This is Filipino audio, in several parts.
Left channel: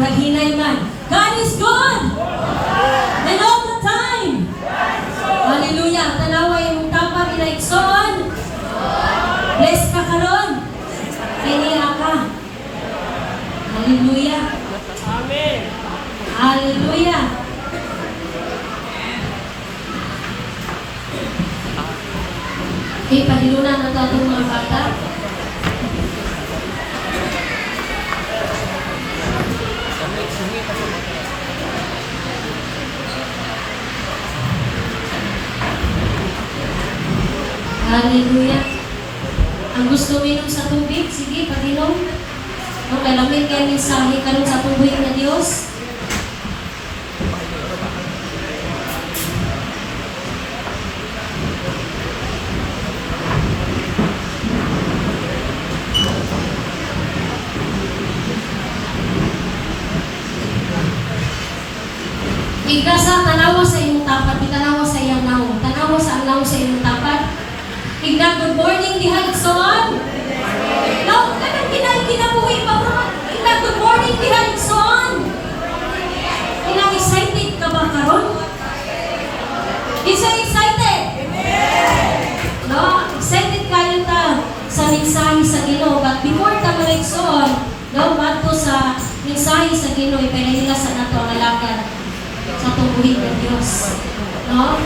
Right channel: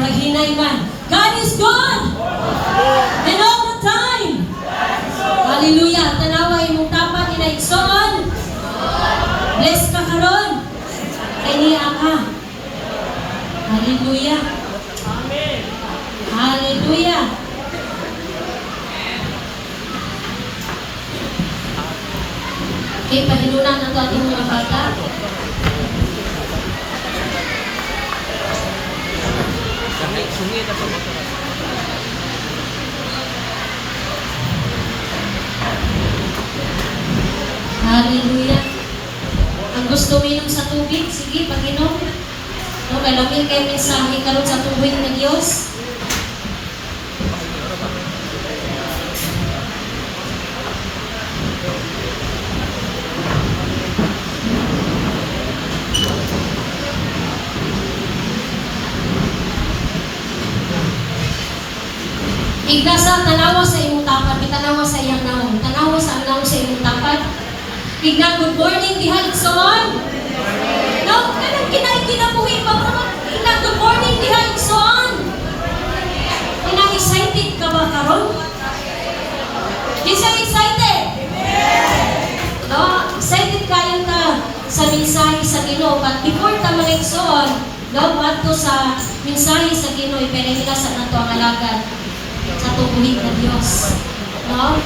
naghinay man. God is good! And all the time! Hallelujah! Tanawa imong tapat inaigsoon. Bless ka karon. Kay niya ka. Hallelujah! Amen. Hallelujah! Okay, pahilunan na ito itong mga bata. Hallelujah. Ang gusto minom sa tubig, sige, pag-inom. No, kay lamin kayo mensahe karon sa tubig ng Diyos. Igdasa, tanawa sa imong tapat, tanawa sa iyang naong, tanawa sa naong sa imong tapat. Igda, good morning, diha igsoon. No, kanang kinabuhi ba bro? Igda, good morning, diha igsoon. Kanang excited ka ba karon? Is you excited? No, excited kayo ta sa mensahe sa Ginoo. But before ta mo igsoon, no, bato sa mensahe sa Ginoo, ipenila sa nato ang alagad sa tubuhin ng Diyos. No?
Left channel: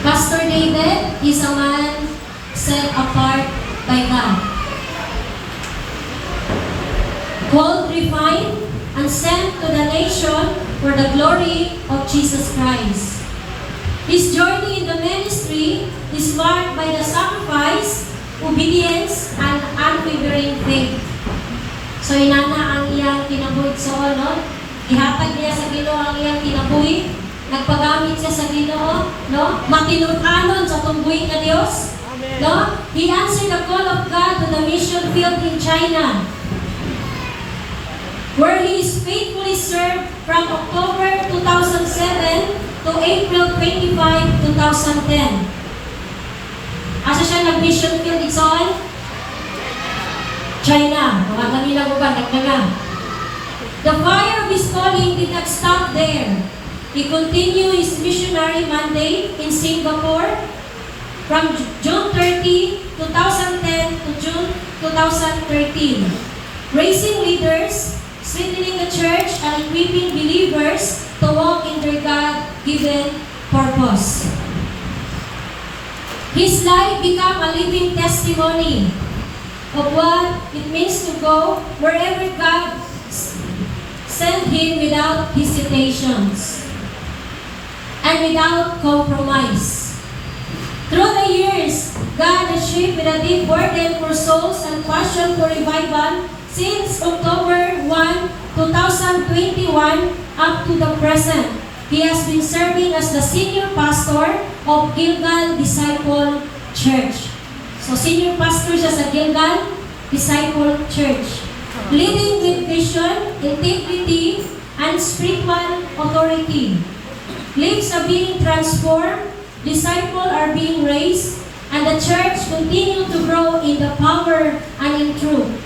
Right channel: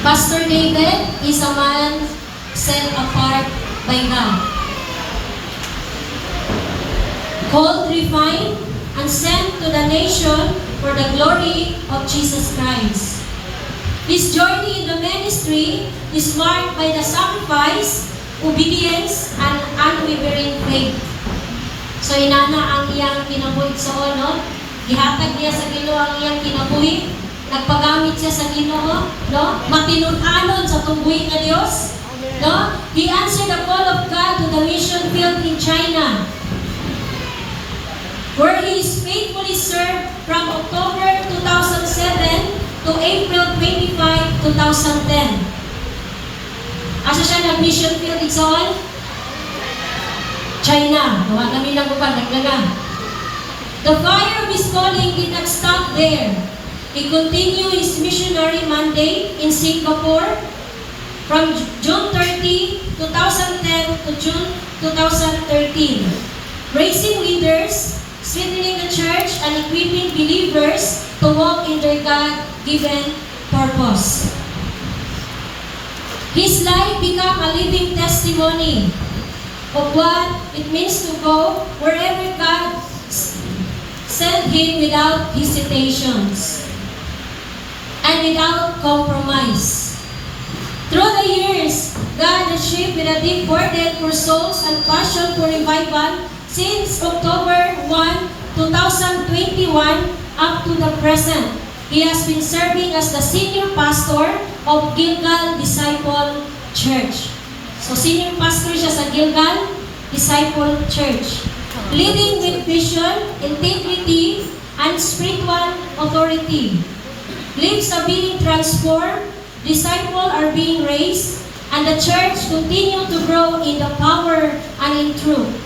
Pastor David is a man set apart by God. Called, refined, and sent to the nation for the glory of Jesus Christ. His journey in the ministry is marked by the sacrifice, obedience, and unwavering faith. So inana ang iyang kinabuhi sa no? Gihatag niya sa Ginoo ang iyang kinabuhi. Nagpagamit siya sa Ginoo, no? Matinud-anon sa tungbuhi ng Dios, no? He answered the call of God to the mission field in China, where he is faithfully served from October 2007 to April 25, 2010. Asa siya nag-mission field igsoon? China. Huwag kami lang ubang, nagnaga. The fire of his calling did not stop there. He continued his missionary mandate in Singapore from June 30, 2010 to June 2013, raising leaders, strengthening the church, and equipping believers to walk in their God-given purpose. His life became a living testimony of what it means to go wherever God sent him without hesitations and without compromise. Through the years, God has shaped with a deep burden for souls and passion for revival since October 1, 2021 up to the present. He has been serving as the senior pastor of Gilgal Disciple Church. So senior pastor siya sa Gilgal Disciple Church, leading with vision, integrity, and spiritual authority. Lives are being transformed, disciples are being raised, and the church continue to grow in the power and in truth.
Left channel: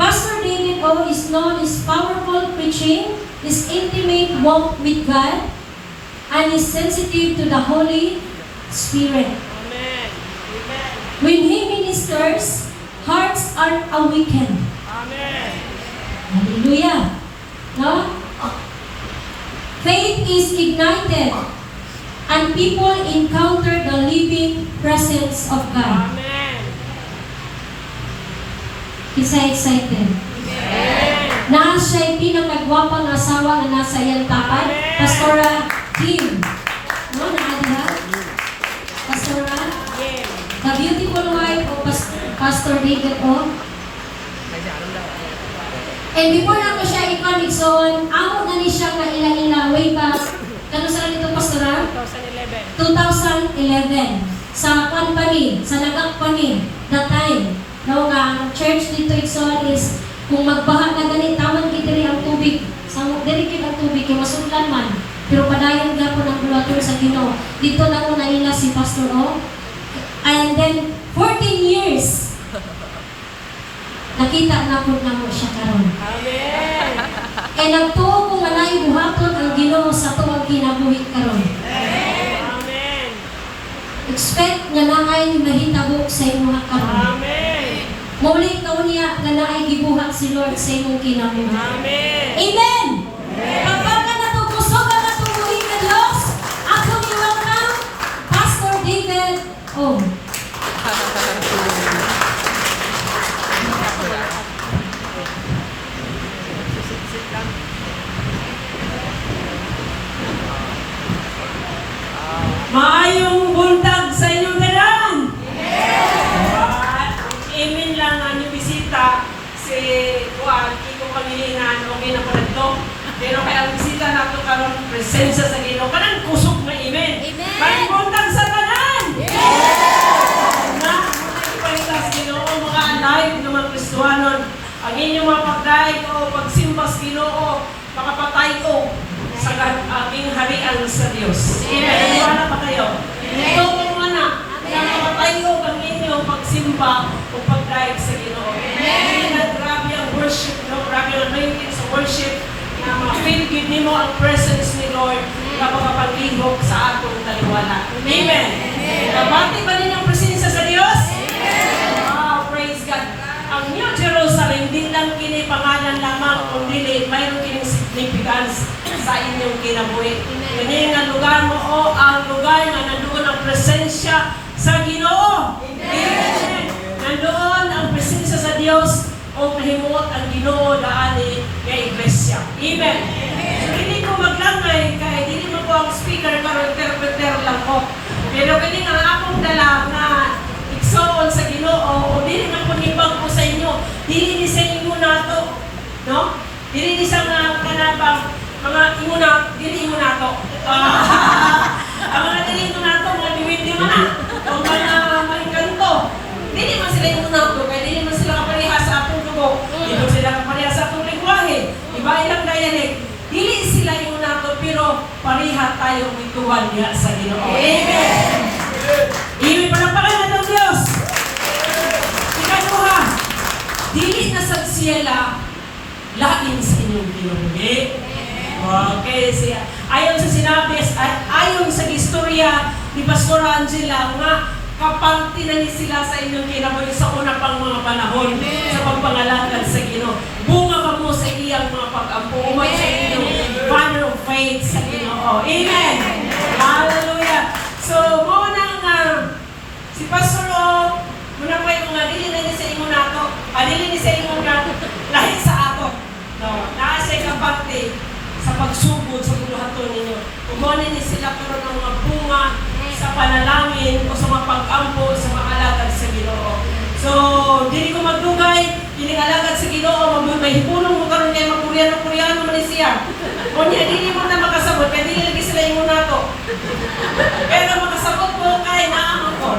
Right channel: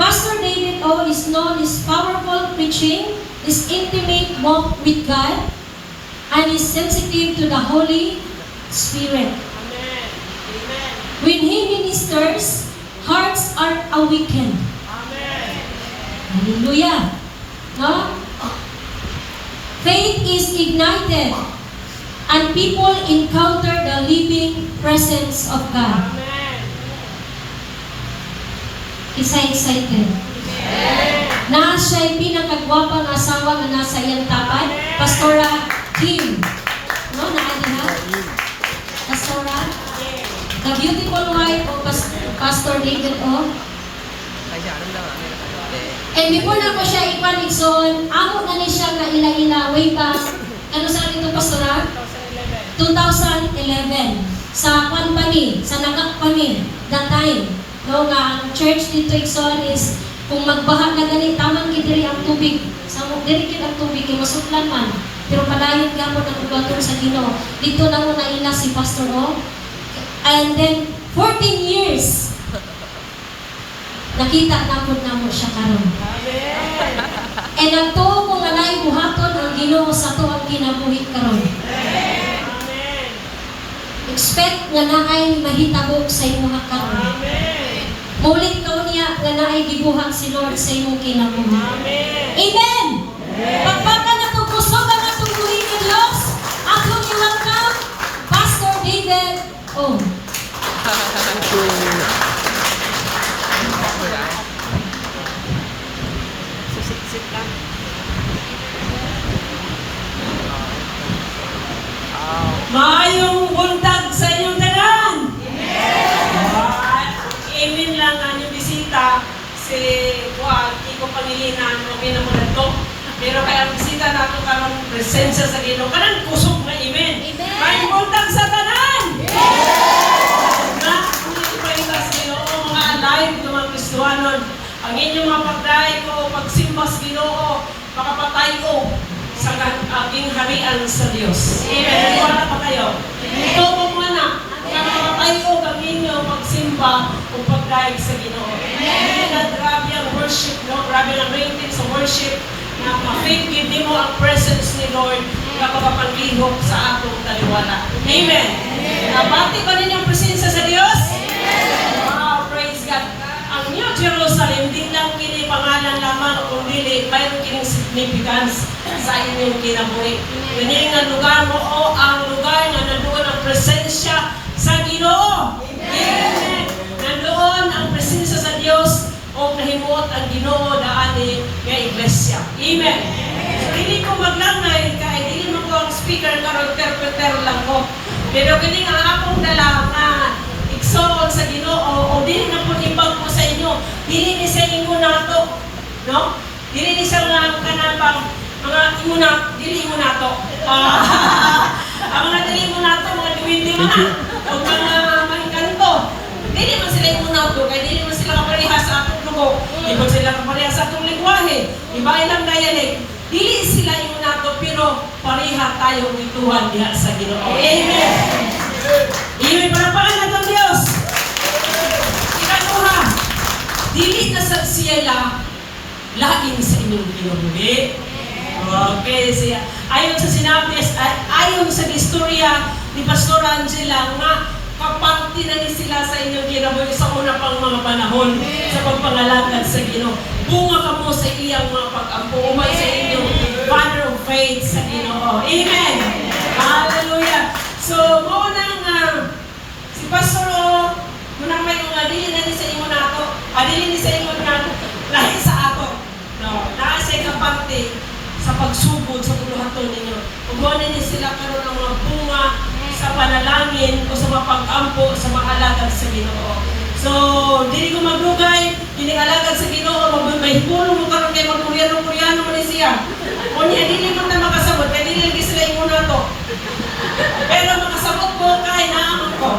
Pastor David O. is known his powerful preaching, his intimate walk with God, and is sensitive to the Holy Spirit. When he ministers, hearts are awakened. Amen. Hallelujah. No? Faith is ignited and people encounter the living presence of God. Amen. Isa excited. Amen. Na siya'y pinakagwapang asawa na nasa iyang tapat, Pastora Kim. No, naadiha? Pastora? The beautiful wife of Pastor David O. And before na ko siya ipanikson, amo na ni siya na ila-ila way back. Kano saan ito, Pastora? 2011. Sa company, sa nagak-company, that time. No, nga ang church dito Ikson is, kung magbaha na ganit, tamang kidiri ang tubig. Sa dirikit ang tubig, yung masuklan man. Pero padayon gapon ang bulaton sa Ginoo. Dito lang mo naila si Pastor O. And then, 14 years. nakita namo siya karon. Amen. Kay nagtuo ko nga naay buhaton ang Ginoo sa tuwang kinabuhi karon. Amen. Expect nga naay mahitabo sa imong karon. Amen. Mulit ka niya nga naay gibuhat si Lord sa imong kinabuhi. Amen. Amen. Pagpaka na tuguso ka na tubuhi ng Diyos, ako welcome Pastor David. Oh, Sit lang. Maayong buntag sa inyong tanan. Amen lang ang inyong bisita si Juan, Kiko Pangilinan, okay na mo na ito. Pero kaya ang bisita nato karon presensya sa Ginoo, kanang kusog na amen. Maayong buntag sa tanan. Na, kung ipahita sa Ginoo, mga alive ng mga Kristuhanon, ang inyong mga pagdaig o pagsimba sa Ginoo, makapatay ko sa aking harian sa Diyos. Amen. Wala pa kayo. Ito po mana, makapatay ko ang inyong magsimba o pagdaig sa Ginoo. Amen. At grabe ang worship, no? Grabe ang rating sa worship na ma-faith give mo ang presence ni Lord na makapaglihok sa atong taliwala. Amen. Nabati ba ninyo ang presensya sa Diyos? Wow, praise God. Ang New Jerusalem, din lang kini pangalan lamang, kundi mayroon kining significance sa inyong kinabuhi. Ganyan ang lugar mo o ang lugar na nandoon ang presensya sa Ginoo. Amen. Nandoon ang presensya sa Diyos o nahimuot ang Ginoo daani nga iglesia. Amen. So, hindi ko maglangay kay dili mo ko ang speaker karon interpreter lang ko. Pero kini ang akong dala na igsoon sa Ginoo o dili na po ibang ko sa inyo. Dili ni sa inyo nato, no? Dili ni sa mga kanabang mga imuna, dili imuna to. Ang mga dili imuna to, mga diwindi man na. O mga maingkanto. Dili man sila imuna to, kaya dili man sila kapareha sa atong dugo. Di ba sila kapareha sa atong lingwahe? Iba ilang dialect. Dili sila imuna to, pero pareha tayong ituhan diha sa Ginoo. Amen. Amen. Panapakan na itong Diyos. Ikaw ko ha. Dili na sa siyela, laging sa inyong kinabuhi. Okay, siya. Ayon sa sinabi, ayon sa istorya ni Pastor Angela nga kapangti na ni sila sa inyong kinabuhi sa una pang mga panahon sa pagpangalagad sa Ginoo. Bunga ka mo sa iyang mga pag-ampo, umay sa inyong banner of faith sa Ginoo. Amen. Hallelujah. So, mo nang si Pastor muna may mga dili na ni sa inyo nato, dili ni sa inyo na lahi sa ato. No, naa siya kapangti sa pagsugod sa buluhaton ninyo. Ugonin ni sila karon ang mga bunga sa panalangin o sa mga pag-ampo sa mga alagad sa Ginoo. So, dili ko magdugay, dili alagad sa Ginoo, may pulong mo karon kay magkuryano-kuryano man siya. Kunya dili mo na makasabot kay dili lagi sila imo nato. Pero makasabot mo kay naamon ko.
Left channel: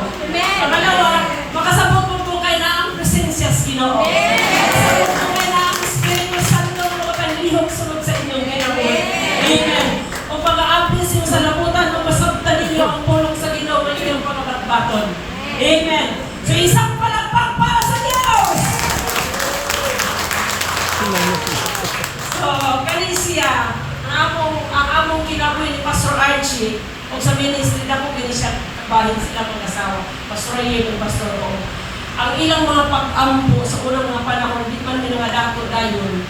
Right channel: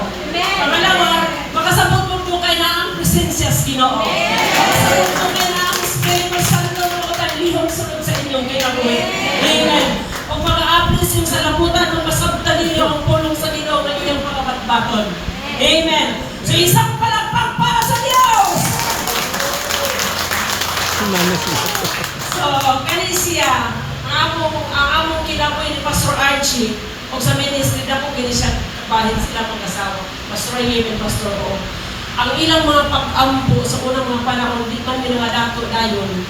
Pangalawa, makasabot mo kay naamon presensya sa Ginoo. Makasabot mo kay naamon Espiritu Santo mo o lihok sunod sa inyong kinabuhi. Amen. Kung pag-a-apples yung sa laputan, kung masabtan ninyo ang pulong sa Ginoo ng inyong pagkabatbaton. Amen. So isang palakpak para sa Diyos! So, kanisiya, ang among kinabuhi ni Pastor Archie, kung sa ministry na po, gini siya bahin sila mag-asawa. Pastor Ayim and Pastor O. Ang ilang mga pag-ampo sa unang mga panahon, di man nila dato dayon,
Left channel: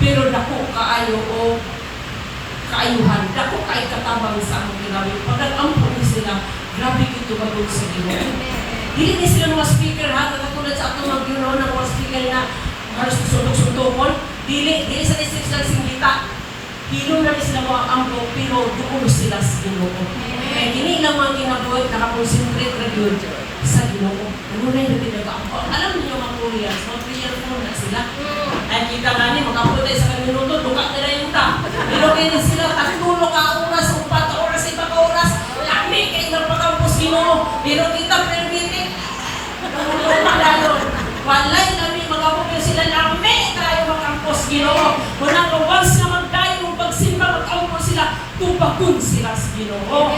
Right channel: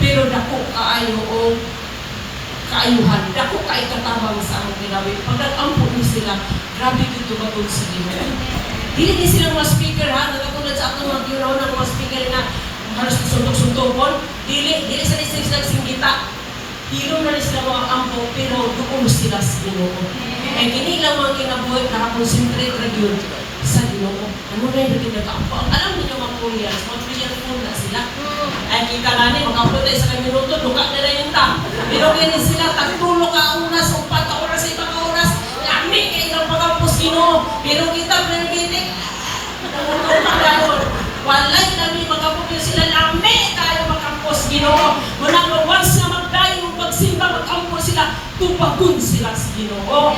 pero dako kaayo o kaayuhan, dako kay katabang sa among ginawi. Pag nag-ampo ni sila, grabe kito batod sa Ginoo. Dili ni silang mga speaker ha, nagkatulad sa atong mga giro ng mga speaker na halos sundok-sundokon, dili sa nisip silang singgita. Hilong na sila mga ampo, pero doon sila sa Ginoo. Kaya kini lang mga kinabuhi, nakakonsentrate na yun sa Ginoo. Ano na yung nagkakapo? Alam niyo mga Koreans, mga Korean na sila. Ay kita nga ni, magkapo tayo sa minuto, buka na rin yung ta. Pero kaya sila, tagtulo ka oras, o 4 oras, 5 oras, lakmi kayo ng pagkampos Ginoo. Pero kita, pinipitik, walay namin magkapo sila, lakmi tayo magkampos Ginoo. Muna po, once na magdayo, magsimba, magkampos sila, tupagun sila sa Ginoo.